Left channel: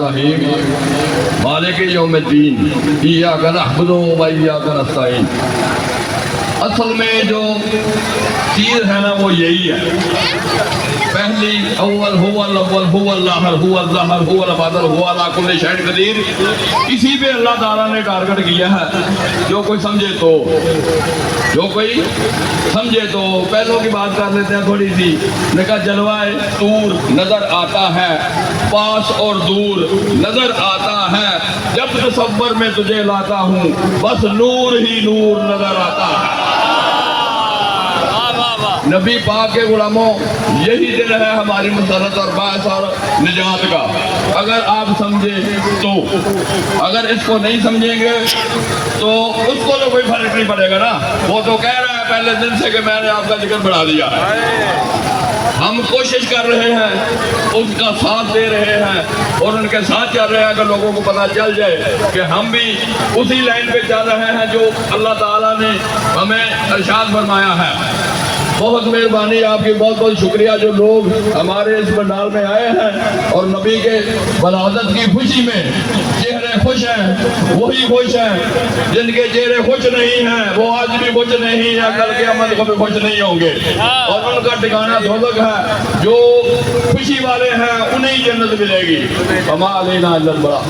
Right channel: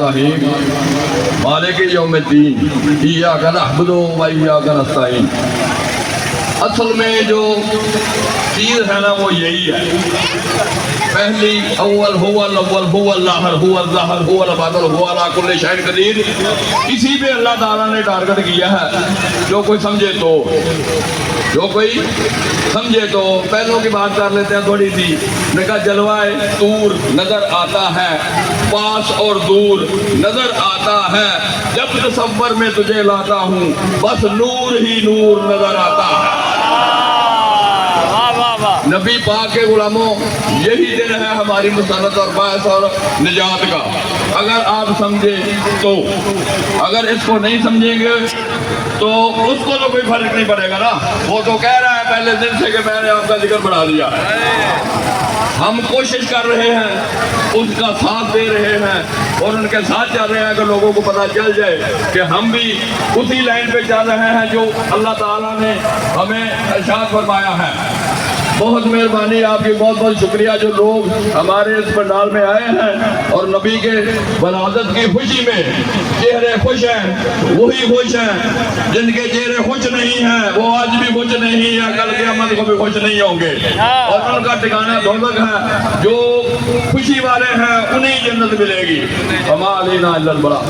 الرحیم مالک یوم الدین ایاک نعبد و ایاک نستعین۔ اصل میں جو چیز ہے نا وہ یہی ہے، پہلی اول هو الاول هو الاخر هو الظاہر هو الباطن هو علی کل شیء قدیر، اسی پہ اللہ تعالیٰ نے ٹارگٹ کیا ہے۔ جو کوئی سمجھے تو پہلوں کی بات کر لیتے ہیں تھوڑی سی۔ نے کہا جلوہ طور نظر آتا ہے، پاس اور دور نظر آتا ہے، جب تصور میں تجھے لاتا ہوں بس نور ہی نور نظر آتا ہے۔ نبی پاک کے غلاموں، یہی دن ہے ہماری مسرت اور باعث اور نجات کا۔ اگر آپ سمجھیں تو، اگر اس کو نہیں سمجھیں گے تو اس کو تو کوئی فرق نہیں پڑے گا نا۔ وہ تو کہہ رہا ہے پہلے دن سے کہ میں نے آپ کا ذکر بڑھا دیا۔ ہم کوشش کر رہے ہیں، اس کا ساتھ دے رہے ہیں اور ان کے ساتھ چل رہے ہیں کہ لوگوں کو پتہ چل جائے کہ ہم بھی اسی لائن پہ چل رہے ہیں جو اللہ تعالیٰ نے ہمیں ارشاد فرمایا ہے۔ بہت مہربانی آپ کی، بہت بہت شکریہ جو لوگ ہمارے اس پنڈال میں آئے ہیں اور نبی کے ولادت کی خوشی میں چہرے خوش ہیں، وہی خوش ہیں جن کے چہرے خوش نہیں ہیں وہ آج بھی خوش نہیں ہیں، کل قیامت کو بھی خوش نہیں ہوں گے، اور ان کا ٹھکانہ دوزخ ہے۔ جو خوشی والے ہیں انہیں جنت ملے گی۔ وما علینا الا البلاغ۔